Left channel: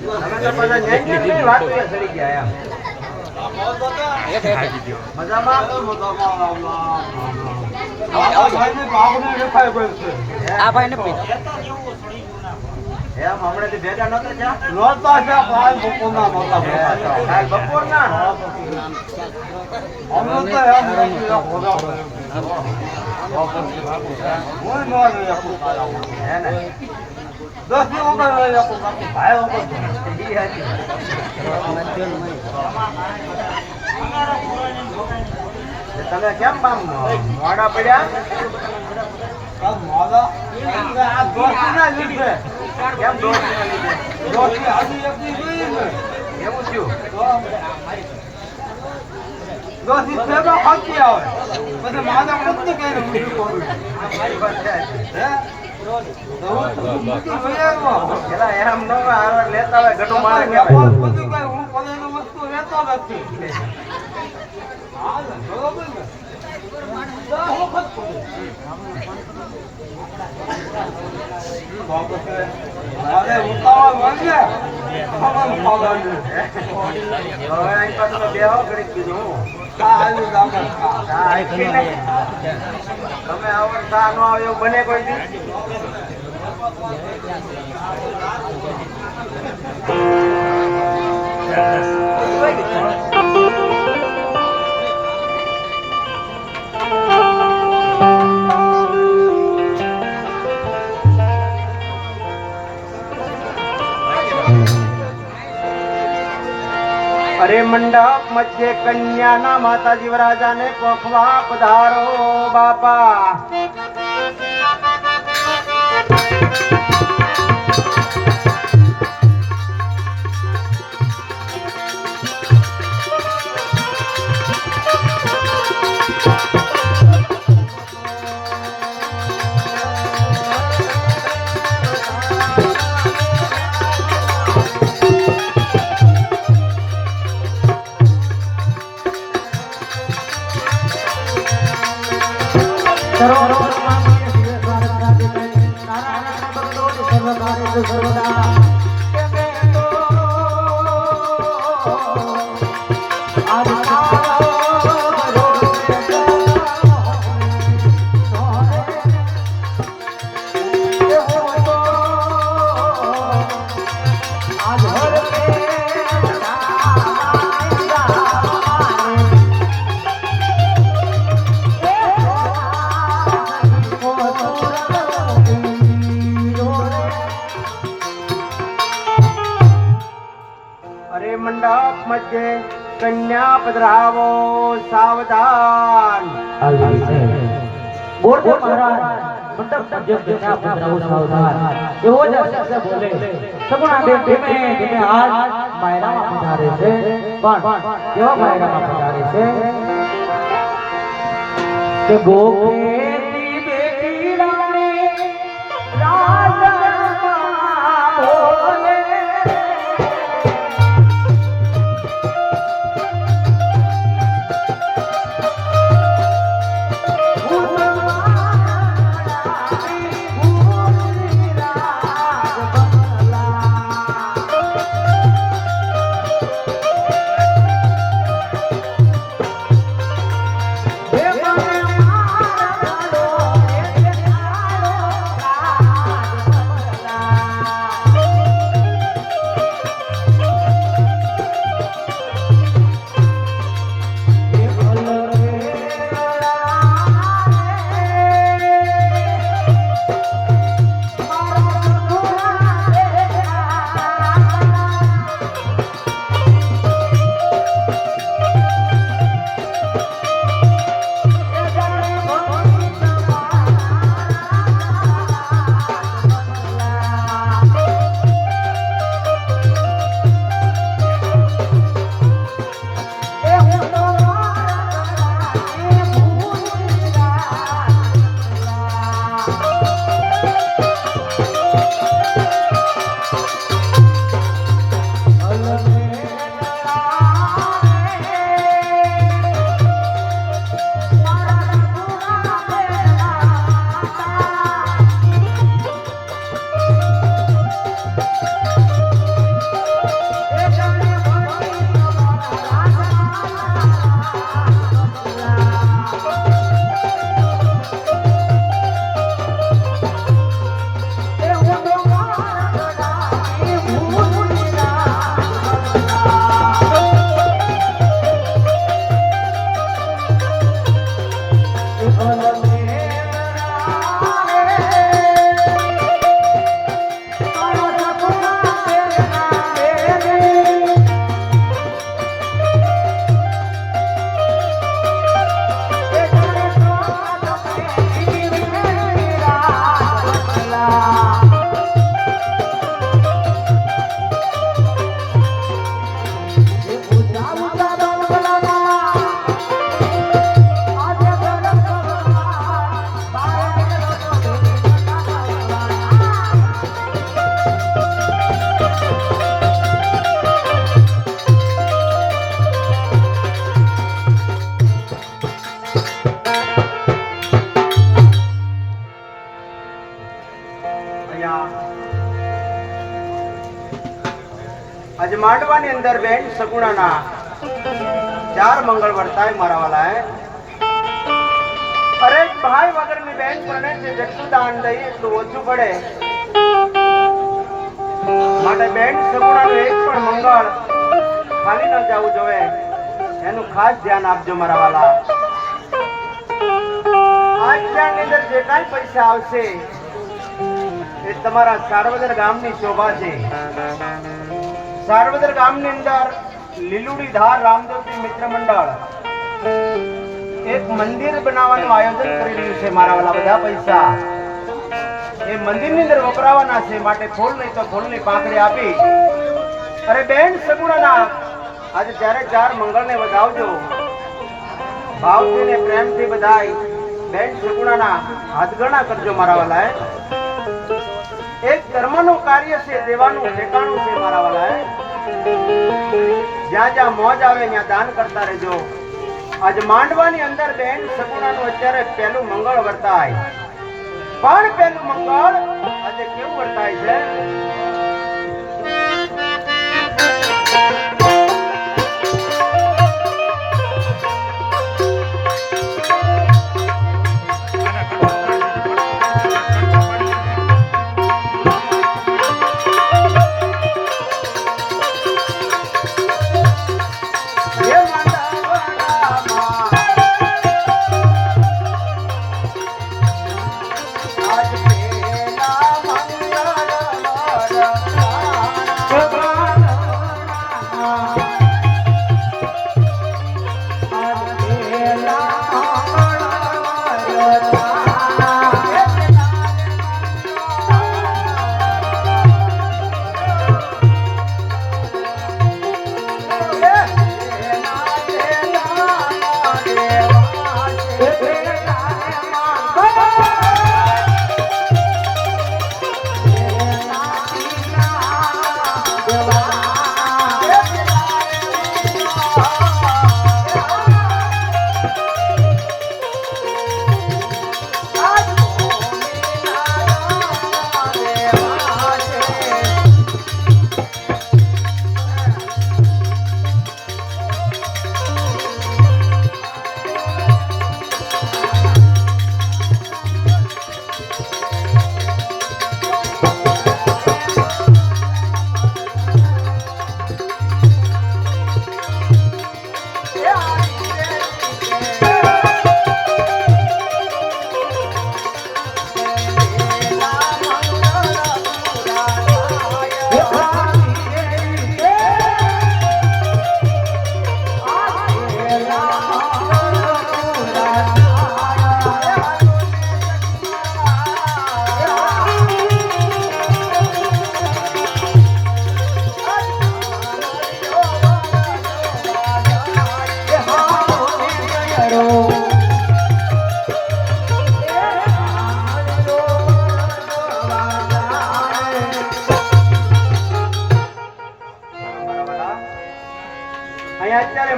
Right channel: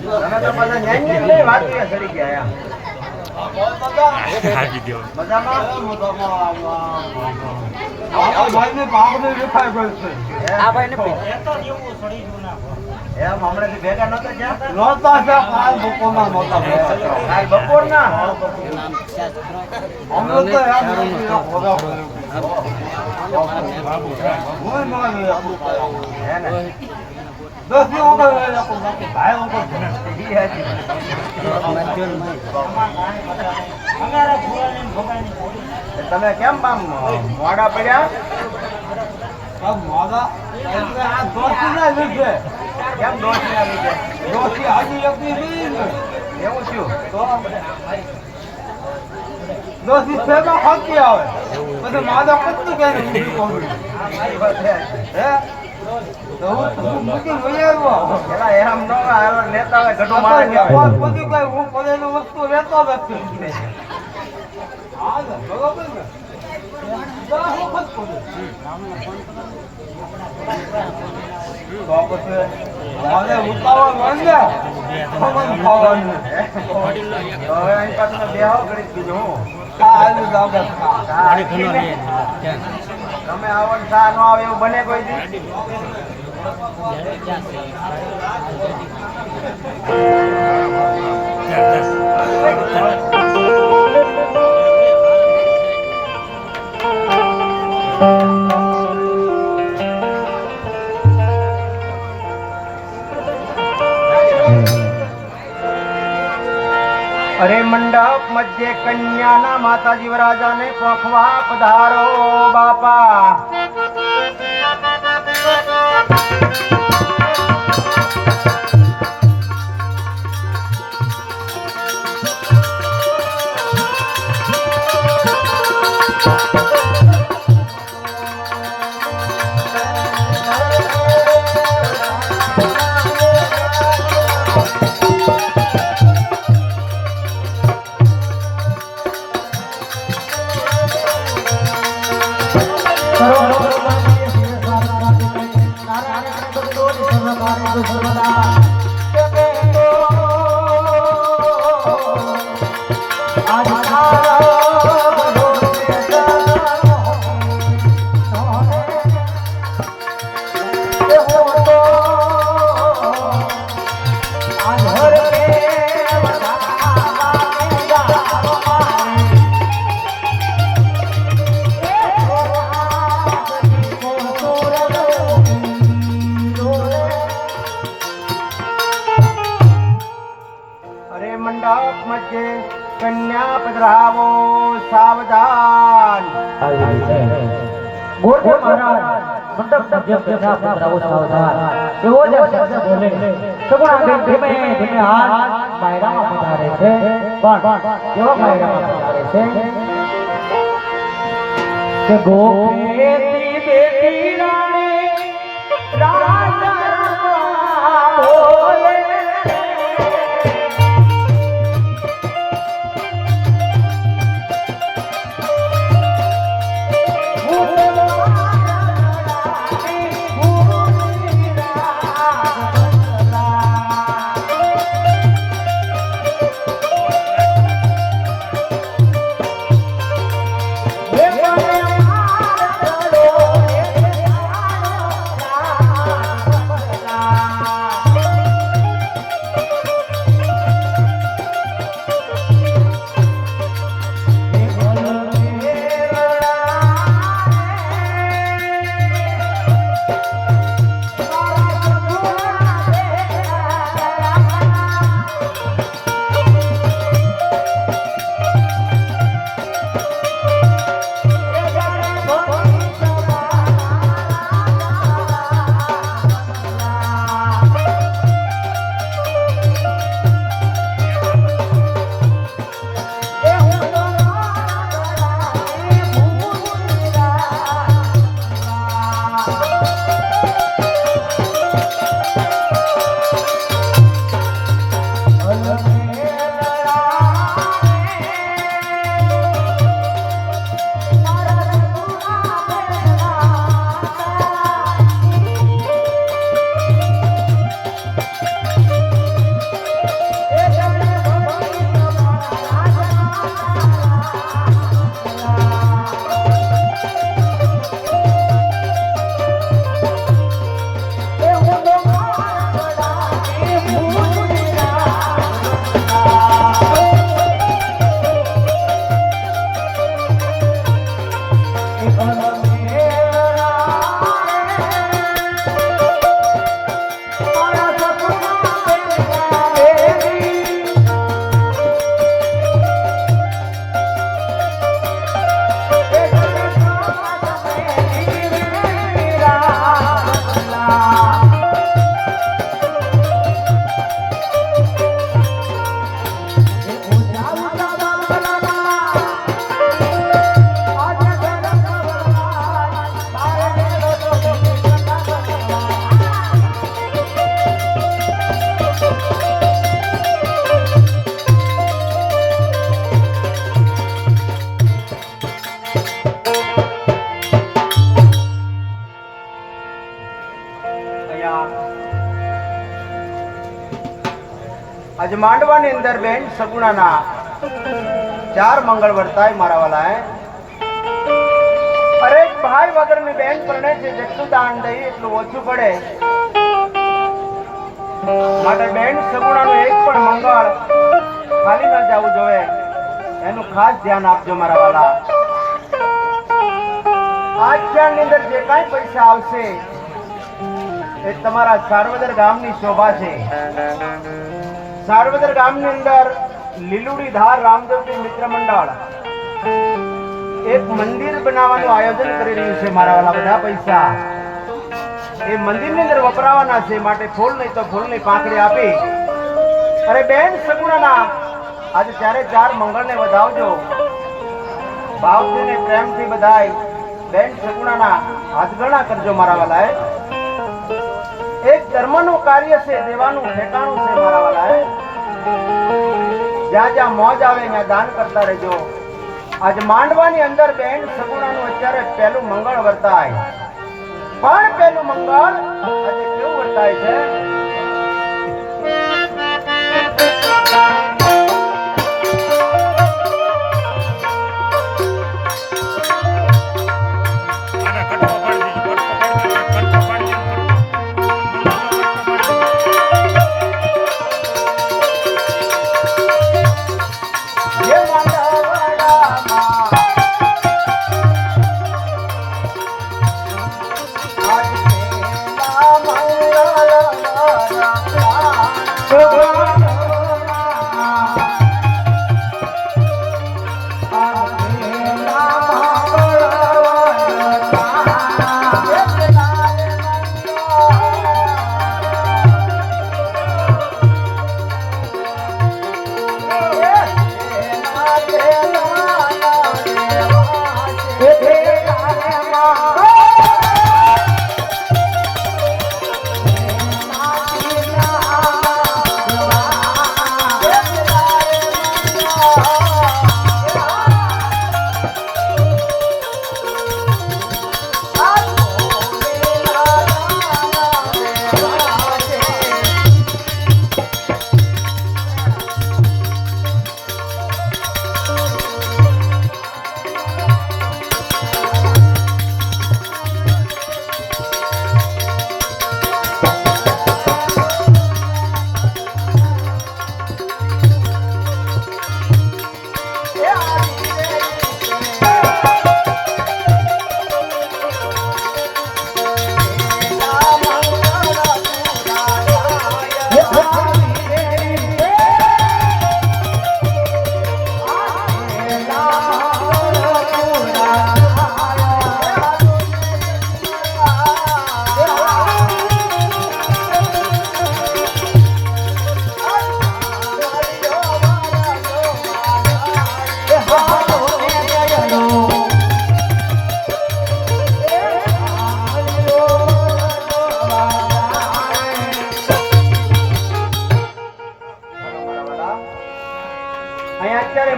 તો પાછા ન્યાય લઈ વાત કે ચડી ગયા મજામાં આ ભાઈને બાપને દેખાય ગયો છે આ ભાઈને એમ હમણાંથી ભેગા નહોતા ત્યાં નહોતા છે કાલ બપોરના નહોતા કાલ બપોરના હમણાં તો યાર નહોતા હોગા હું નો લે આપણું હે ને 10 ની ઓગળ લે આપણું ભાઈ ઓગળ ઈ હતી મજલ મય તમે કેમ મોડા પડ્યા મોડા આ દોસ્તી ના લીધે કેમ દોસ્તી ના લીધે દોસ્તી આજી એકની લીધી ને એવું શું તો દોસ્તી સેવા ખાતી આવે પછી માદા કતું કે મૂકી કોરું હે તો મૂકી વયાવો એલા એમ ન આવે લેતા આવે ઘટો મારે કહેવાય પછી કઈ હું પડેલી વસ્તુ લેતો નથી બરોબર ને બા વખત વાપસ માને ઉતાવળ માંગે ખબર ખાવાનું હવે અહીં પાછું બેહો કરી દીધું કાલુ દાવડા કાલે ઘણો લે તમે આવડ તા નો આવે એવું બને કોઈ દી अरे मंडप मध्य कन्या माता जीवराजा ने कोखवा पधारो बापा कन्या पधरावो सावधान बोलो महाराज मंडप मध्य कन्या पधरावो सावधान एवो जैसे बोले सगुण धीमे धीमे हाथ बायरा पधारे છે પણ કેવો બાયરા પધારે છે કે ગોપેતી બેટી રાણી રાજા બોલે आज માંડવાની અંદર બેન સગુણાના 4 મંગળ વર્તાય મારા વાલા હે અરે ભાઈ વગરની બેન પરણે છે જેટલું દાન દઈએ એટલું ઓછું પડે માટે બેન સગુણાનું એક પણ મંગળ ખાલી ન જવું જોઈએ એનું ખાસ ધ્યાન આપજો મારા વાલા આજ ની અંદર જે કાંઈ પૈસા આવશે એ તમારા સાર્વદર ગામની શોભા છે સાર્વદર ગામની અંદર લીલુડી ધાર રામદેવજી મિત્ર મંડળ એક મંદિર બનાવવાનું આયોજન કરી રહ્યું છે મારા વાલા બધા પૈસા એ મંદિરની અંદર વપરાવાના છે માટે ફૂલ નહીં તો ફૂલની પાંખડી આપી અરે બેન સગુણાના આજે 4 મંગળને વધાવજો ભાવથી ને પ્રેમથી બધાય બેન સગુણાના હાથગણા કરજો મારા વાલા એક ધર્મનું કાર્ય છે દેવાનું ઠેકાણું છે મારા વાલા જ્યાં જ્યાં મોજ આવે ત્યાં દાન કરતા રહેજો આજ માંડવાની અંદર બેન સગુણાનું અત્યારે પહેલું મંગળ વર્તાય પણ પહેલું મંગળ આજે કેવું વર્તાય છે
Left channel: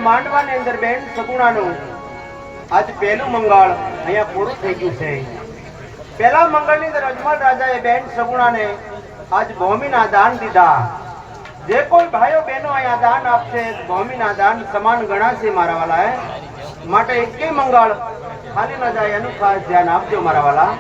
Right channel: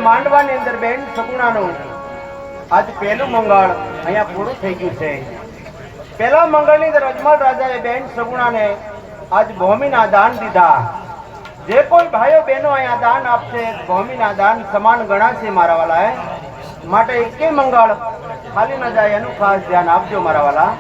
માંડવાની અંદર બેન સગુણાનું આજ પહેલું મંગળ અહીંયા પૂરું થઈ ગયું છે પહેલા મંગળની અંદર અજમલ રાજાએ બેન સગુણાને આજ ભૂમિના દાન દીધા જે કોઈ ભાઈઓ બહેનો અહીંયા દાન આપશે ભૂમિના દાન સમાન ગણાશે મારા વાલા માટે એકેય મંગળ ખાલી ન જાય એનું ખાસ ધ્યાન આપજો મારા વાલા